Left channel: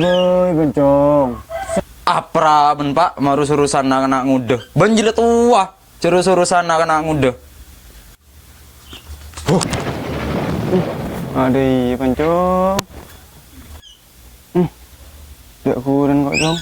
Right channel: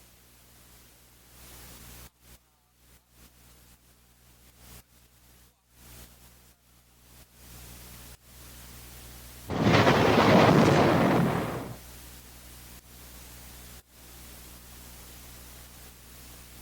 boy bencong. Apra ben Pak, maru urusan anak ngude. Banjile tua, urusan anak ngude. Aduh, bencong. Dek kurang kok jong.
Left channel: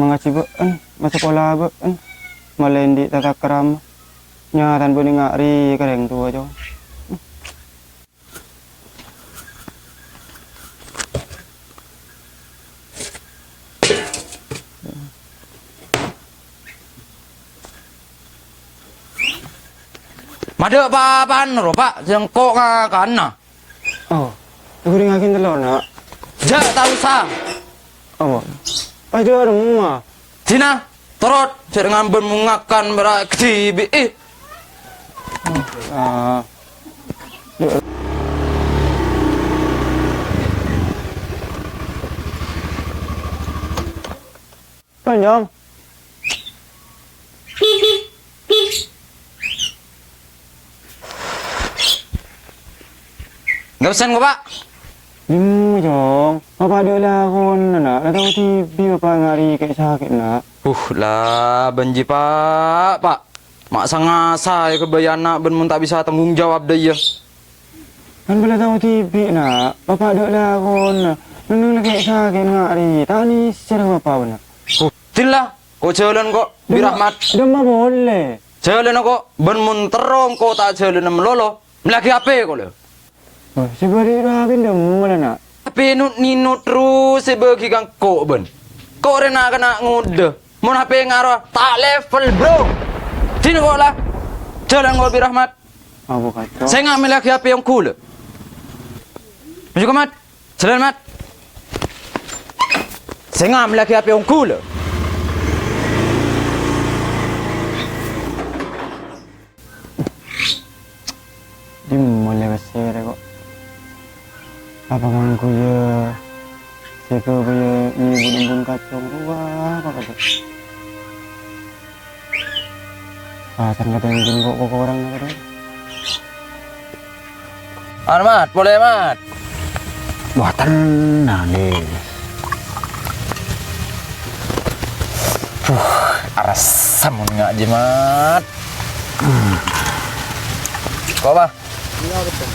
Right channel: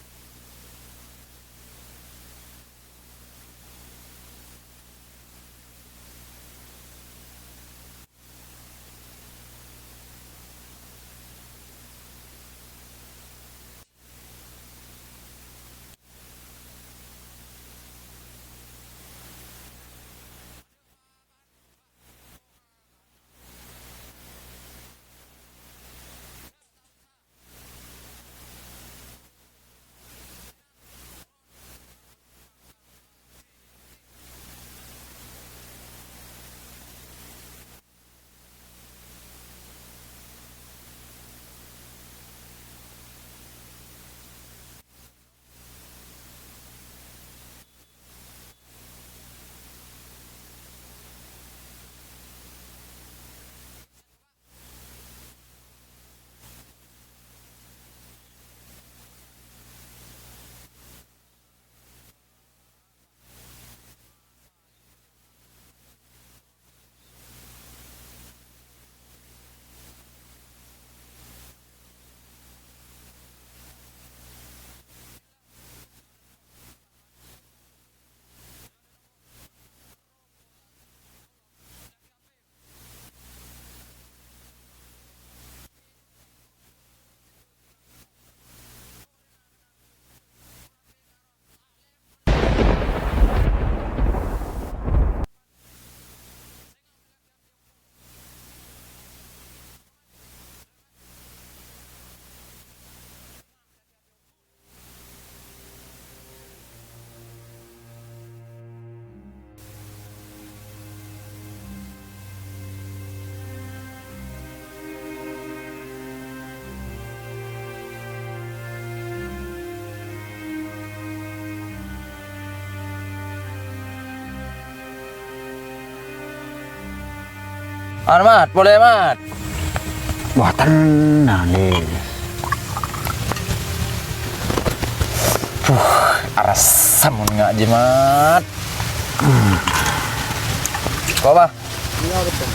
Mengaji beun, masa sekolah beun. Malendi tata keram. Nyatan pun ngari kereng tua jong. Mada apa-apaan lho Pak, jengkok kan nah. Oh, aku ngakin telur nak. Jak tahu sah. Apa? Aja ada mama. Dina, terot, saya ngambil mengakan berak kecibi. Ah. Panjang. Nggak pesan kok Pak. Jong. Apa ada lah kon nak? Dah tahu TV apa ngari kayak sakit nak. Lah, benji Pak. Mak sangasa ya kebayana ben mun tak bisa tanggung jawab deh ya. Kan boleh tahu TV nak. Bapak ada lah kon. Nung kayak sakit ngari. Tani secara apa benar? Tila, kok jalan kok birahmat. Demam boleh. Jalan kok ben mun terong kok tak jalan melolo. Melaki apa kok lho? Oh, sebari rabin demam mana nak? Tapi nino terus sebagi kang kok ben. Kok rena kena ngude. Mun HP ngaruh tak level bro. Sini kok lah. Jalan kok birahmat. Apa kacau? Saya ngambil lagi HP yang cool. Maju ke mat. Jalan mat. Saya ngambil lagi HP yang cool. Dimulai besar kok. Apa ngangku ya? Jika punya ibu bumbung kacang wah apa kata? Ternyata mungkin kok orang kan? Mat, boleh mat. Wah tenang deh. Aras samun nggak jimat. Kok apa? Iya betul.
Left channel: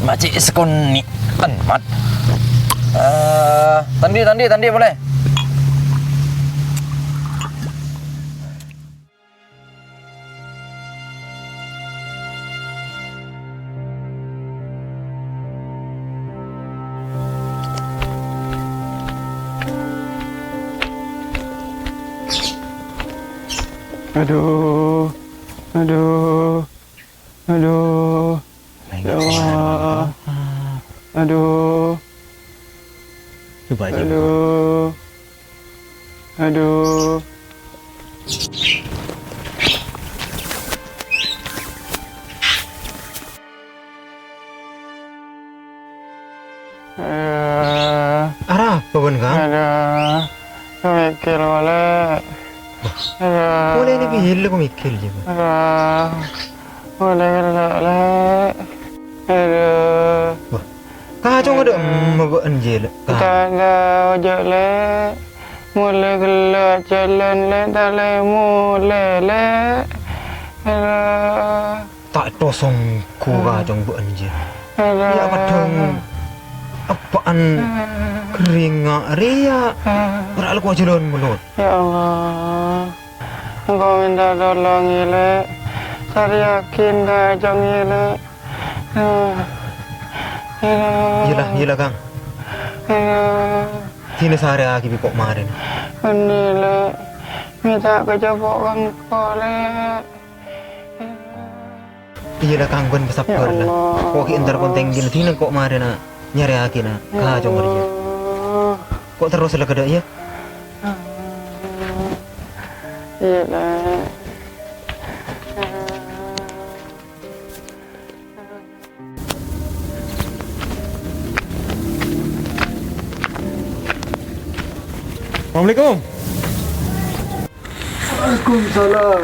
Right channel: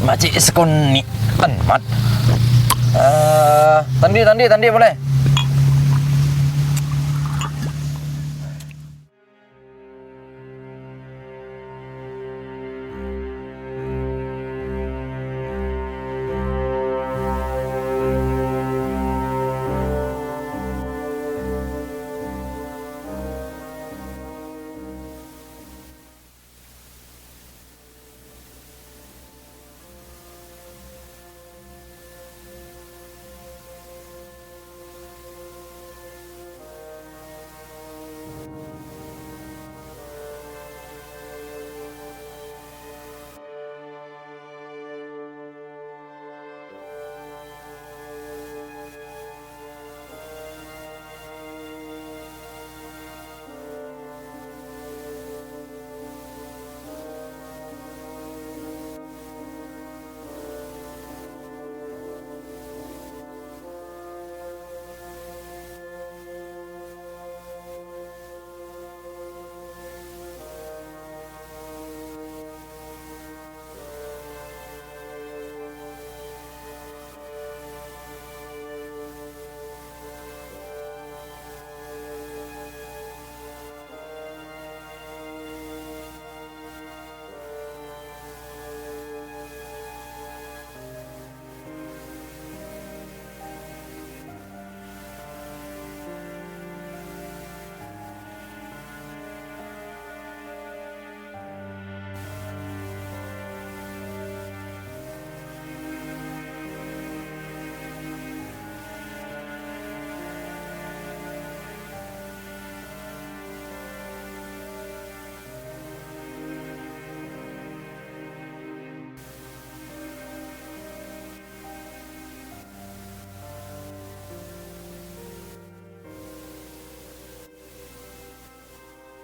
Macik sekon ni mat. Tandi boleh. Aduh. Ya Allah. Aduh. Coba aja. Aduh. Arah, apa Kang? Ada. Mikir boleh. Boleh ni bihil ko mikil je. Ada. Boleh. Ada. Kacau ada mabaan je lah. Tak ada ojek le. Mulai gelak jalan le. Tak le mulai le. Ada. Tak tosong ku kacau baan je. Ada. Ya padang apaan kering ria. Berak aku jalan mulut. Ya Allah. Engkau minta tolong ile. Saya yakin dah jong ile. Yelah Kang. Sini sehari lagi pipok kemarin. Ini le. Minta kejabok kang kau le. Iyalah Kang ben kesabar lah. Kok ntar konteng gini sini kok kemarin nak nyari lagi nak kacau ria. Kok terus lah kada ya? Iya lah. Assalamualaikum. Waalaikumsalam.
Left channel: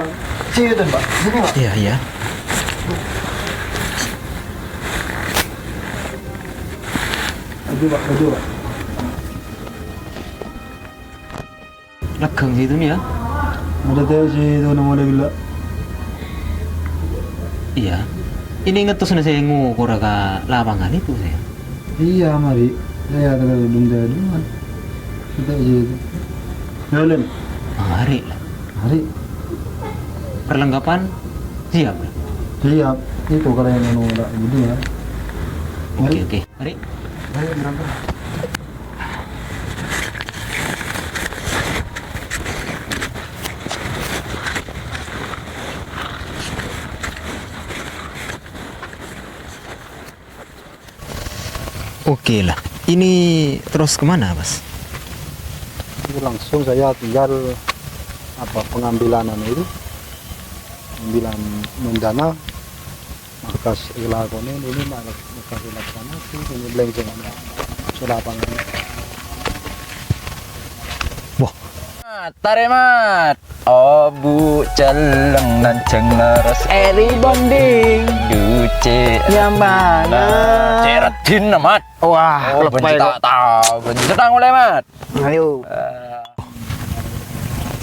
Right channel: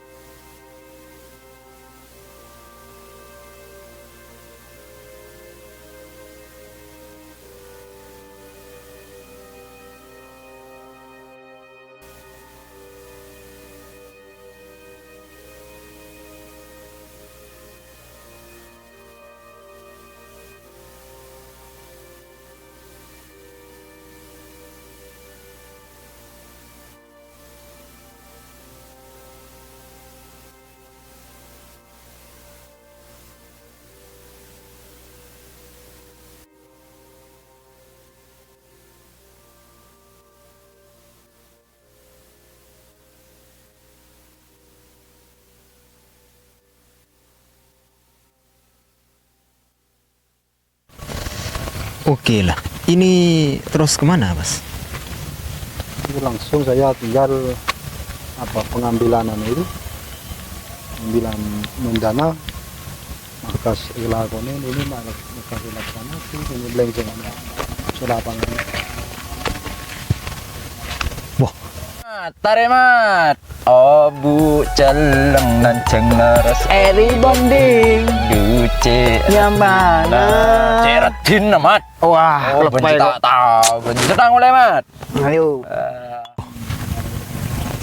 Siapa Pak? Sini Pak. Iya. baju Pak. Lekeng situ nih ya. Ada teh si itu nama ada gila. Iya. Ini ngetus na saya ngukur ka lapangan itu saya. Iya mari. Saya ada belum jadi kan. Kita itu. Jalan. Mari lah. Mari. Perlengkapan siap. Siap. Itu kalau yang mau ada gitu ya. Oke. Mari. Mari berangkat. Oke lah. Ini terus kemana, Mas? Itu langsung saya tinggal pengambilan itu. Pengambilan mendana markas ilakone ini markas ilaksana itu ini belenceng ada sulapangan. Wah, Taremat. Oh bu celeng dan cenglaras eri bonding duce Nyamana. Ceretin amat. Wah, Oh, benci tak tahu. Benci sedang oleh mat. Ayo.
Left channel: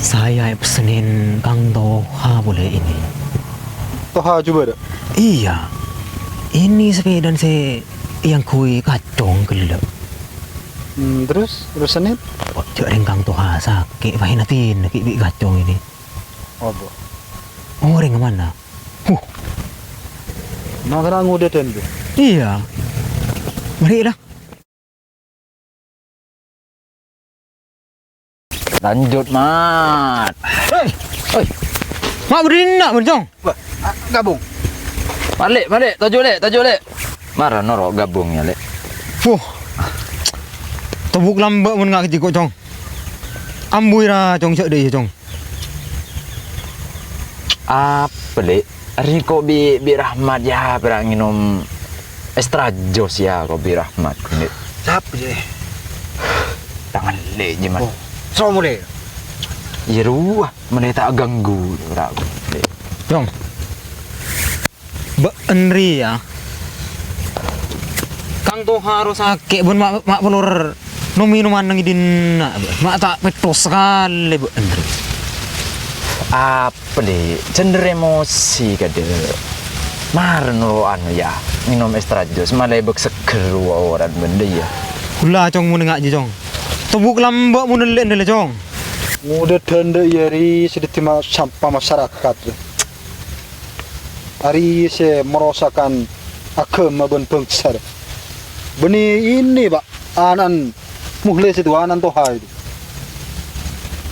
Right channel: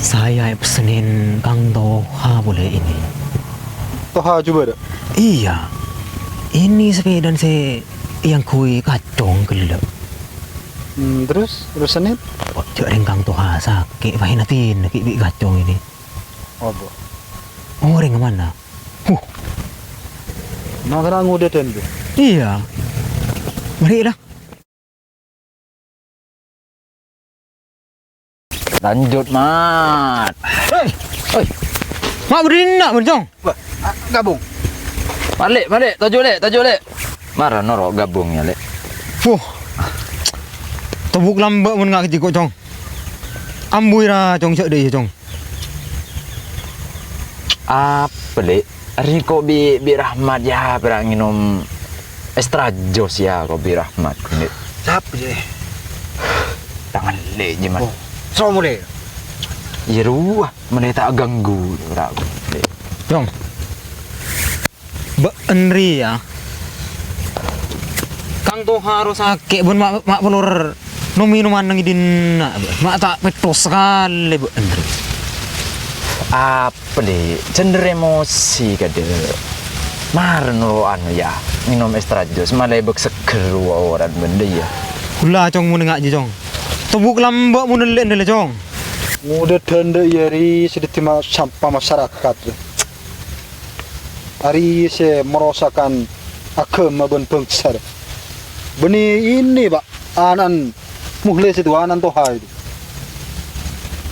saya pesenin Kang Toha boleh ini. Toha coba dah. Iya. Ini sepeda saya yang kui kacong gelap. Terus Senin? Cak Kang Toha sakit pahinatin ki kacong ini. Oh, bu. Orang kemana? Nah, kena ngudet dan tu. Iya. Mari lah. Lanjut mat. Hei. Mak berdiri nak bencong. Gabung. Balik, tajuk lek. Marah norok gabungnya lek. Tebuk lambat mun ngak kecik cong. Ambui ra cong cek deh cong. Apa lek? Riko bi Rahmat ya perang minum extra jos ya kau bi Rahmat ini. Siapa je? Tangan lek je mat. So mulai. Ya ruah, mana tak ganggu rak. Cong. Ba Enri ya. Kang Toha harus sakit bun mak pelur no minuman nang idin nak mak tak petos sekali bu Enri. Apa deh? Cender emosi kade. Mar nuruan ya. Minum extra jos malah bek seger orang benda ya. Kula cong mun ngak je cong. Tebuk lambat mun lek ndele cong. Ngudet dan yari sedikit sampah masyarakat. Hari saya merasakan agama dan bangsa. Beni ini pak, anan muhles itu anan Toha itu.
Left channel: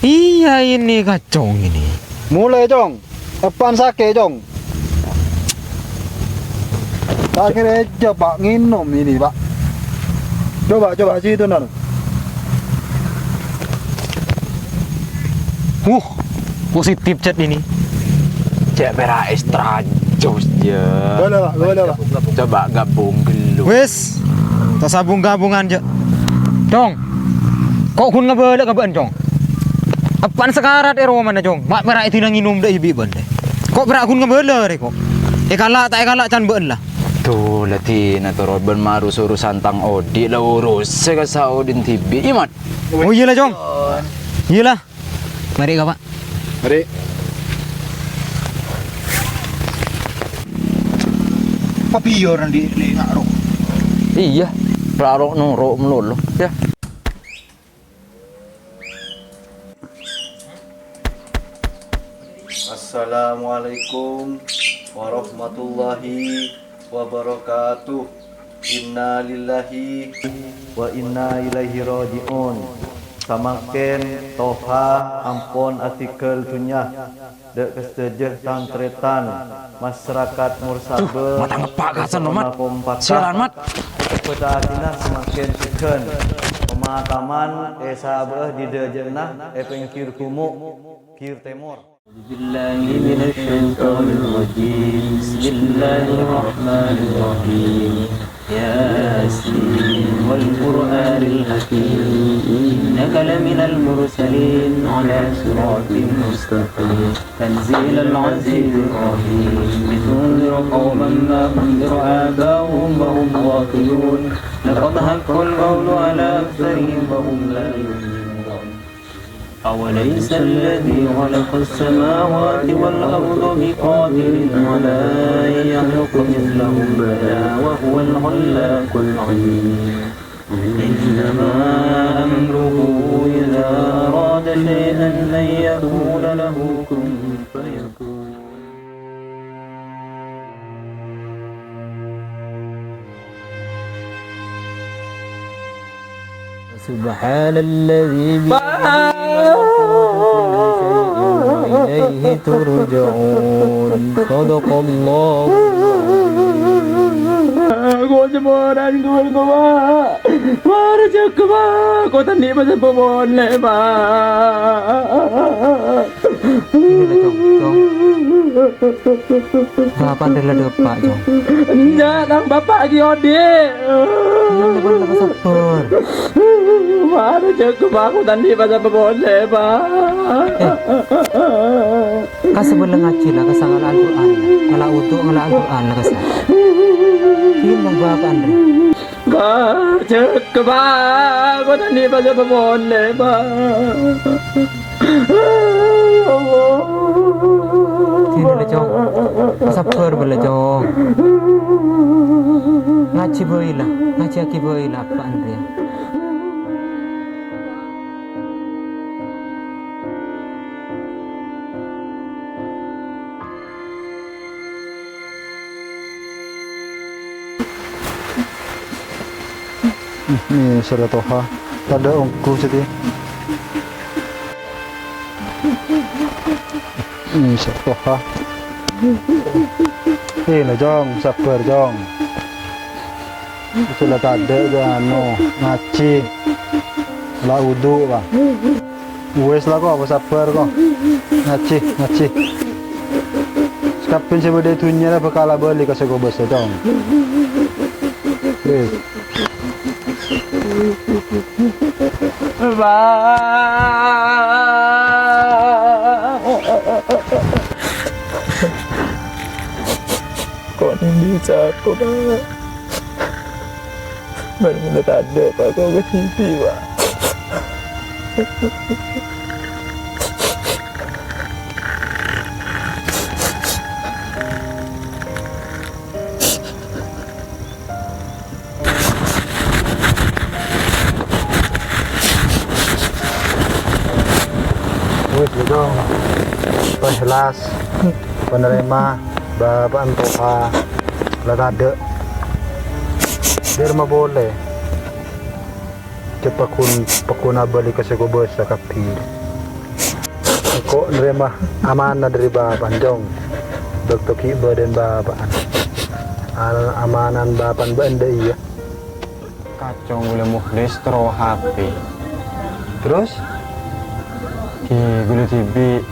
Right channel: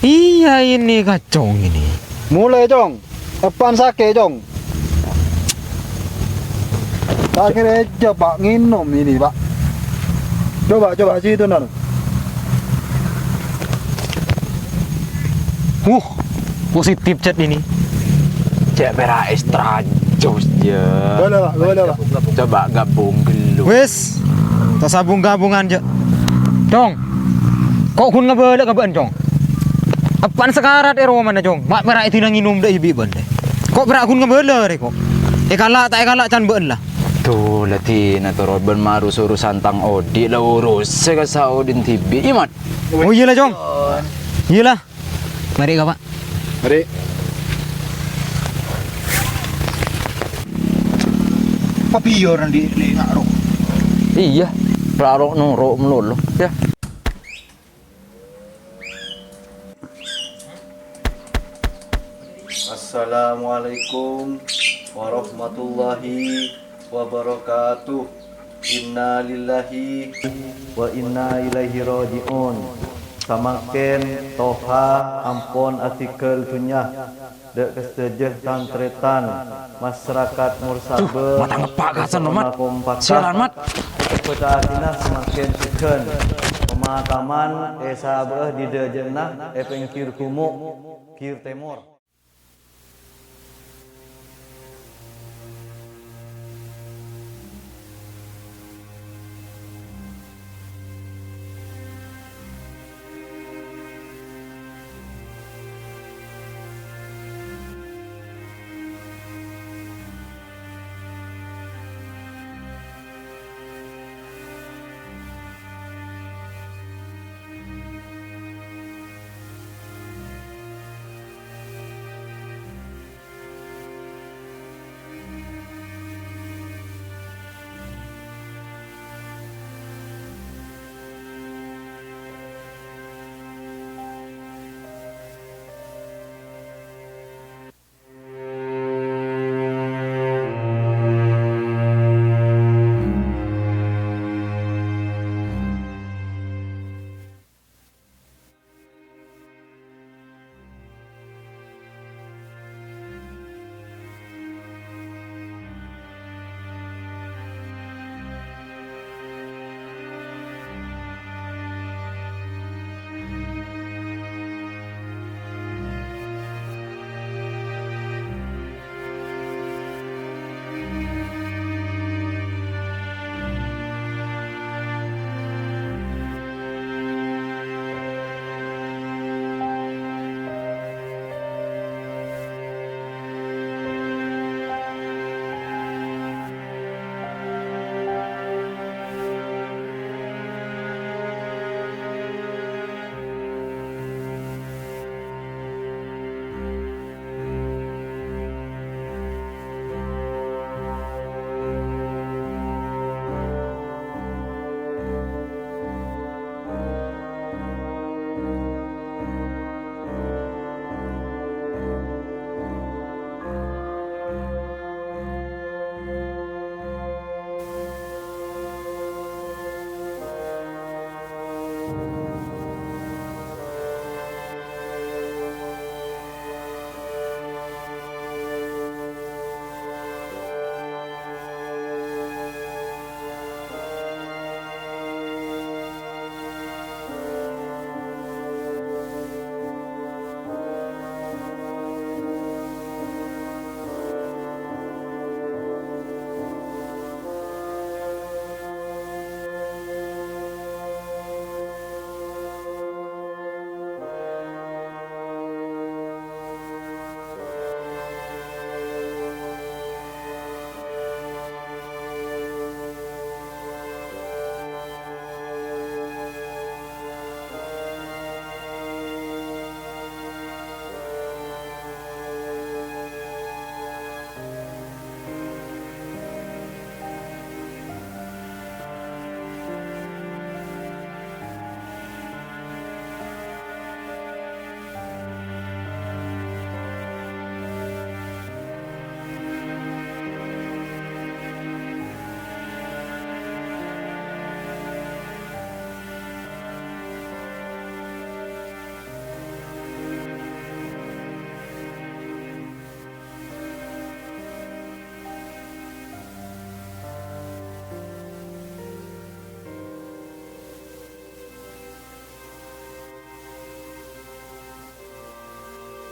Iya ini kacong ini. Mulai jong, apaan sakit jong? Akhirnya coba nginum ini pak. Coba situ nana. Positif chat ini. Cek pera extra jos je. Boleh pak. Coba gabung dulu. Wes, tak sabung gabungan je. Cong, kok kun ngabelak kaban cong? Apaan sekarat ero mana cong? Mak pera itu nang nginum dah ibi bende. Kok pera kun ngabelak re kok? Kalak tak kalak can ben lah. Tuh latih na turut bermaru suruh santang odi lah urus sekasau din tibi imat. Oh iyalah cong. Iyalah. Mari kak pak. Mari. Papiyor nanti ngaro. Iya, raro nuro melulu ya. Assalamualaikum warahmatullahi wabarakatuh. Inna lillahi wa inna ilaihi raji'un. Samaken Toha ampon artikel tunya dek kesejeh tantretan masyarakat Mursabe Matang pak kasan mat. Sialan mat. Petaasina semakin suken pemakaman esabeh di dejenah epengkir kumu kir temor. Billahi minasyaitonir rajim. Bismillahirrahmanirrahim. Yasin wal Qur'anil hakim. Innaka laminal mursalin ala siratin mustaqim. Tanzilal azizir rahim. Litunzira qawman ma unzira abahum wa hum ghafilun. قد حق القول على أكثرهم وهم لا يؤمنون أوليس الذي خلق السماوات والأرض بقادر على أن يخلق مثلهم بلى وهو الخلاق العليم إنما أمره إذا أراد شيئا أن يقول له كن فيكون سبحان الذي وإليه ترجعون صدق الله Cô sẽ bơ đánh tôi cô ba. Ba nó chết cô ba. Cô thân đi mà sẽ bơ bồn lệ ba. Apa adalah depan Jong? Jangan bapak giot dia. Sabar. Ba nó chết cô ba. Cô thân đi mà sẽ bơ bồn lệ ba. Kasi boleh ngaji lah kasi ngala Al-Quran. Ngala utuh ngala Al-Quran lah kasi. Ini mengbahakan. Ba chết cô ba. Cô thân đi mà sẽ bơ bồn lệ ba. Sini lah Jong. Sabar boleh Jong. Ngaji boleh lah. Ngaji aki boleh lah Pak Andre. Ni sudah toha. Tak ada ongku sini. Ni sudah toha. Lah Jong, sabar Jong. Sudah tak ada anu ngaji. La wudu lah. Wes lah kok, sabar kok. Ngaji. Kapin saya berde tunya lah bekala beli kasih kau besar Jong. Ba. Con bisa aku ba. Benar-benar tak ada pak kau ke TV pak. Jong, penjelas, penerima, bapak antoha, latade, dia mah boleh. Cepat pakuna balik ke sekolah sakapi. Kok nerima amanah dari bapak Jong, dokter ki badan bapak, amanan bapak benda iya. Kacau gula mukhlis tero HP. Terus? Ki gula TV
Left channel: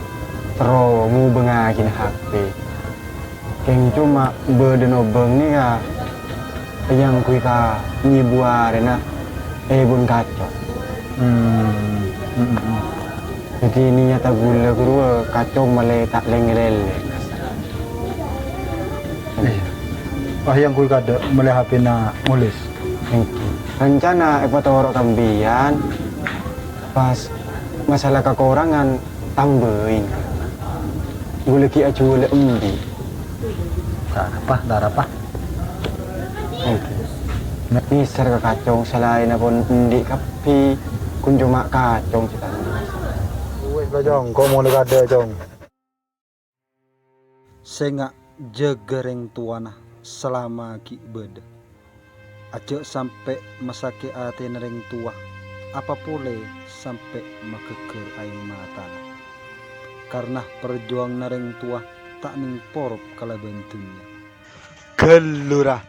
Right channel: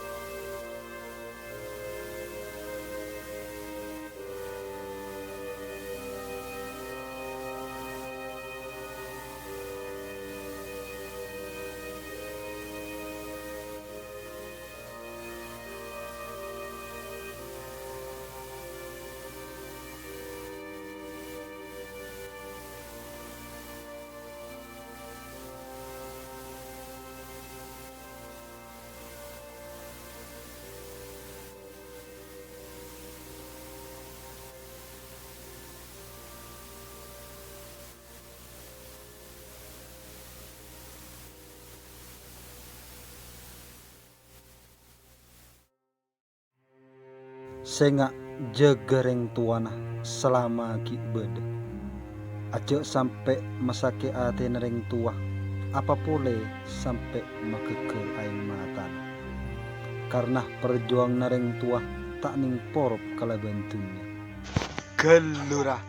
tero mu bengakin HP. Yang cuma badan obeng ni ka yang kita nyibuar na bun kacau. Jadi ni nyata gula kedua kacau malai tak lengelele. Yang kui kada mulai HP na mulis. Rencana ekwator kambian pas masalah kekurangan tambahin gula ki acu gula embi Darapa ini serga kacong selain pun endi kapi kun cuma kacong kita wes lah Jong, kau mau ada Jong sengak jegereng tuana selama ki beda aja sampai masake ate nereng tua apa boleh sampai makeker air mata karena perjuang nereng tua tak ning porop kala bentunya gelurah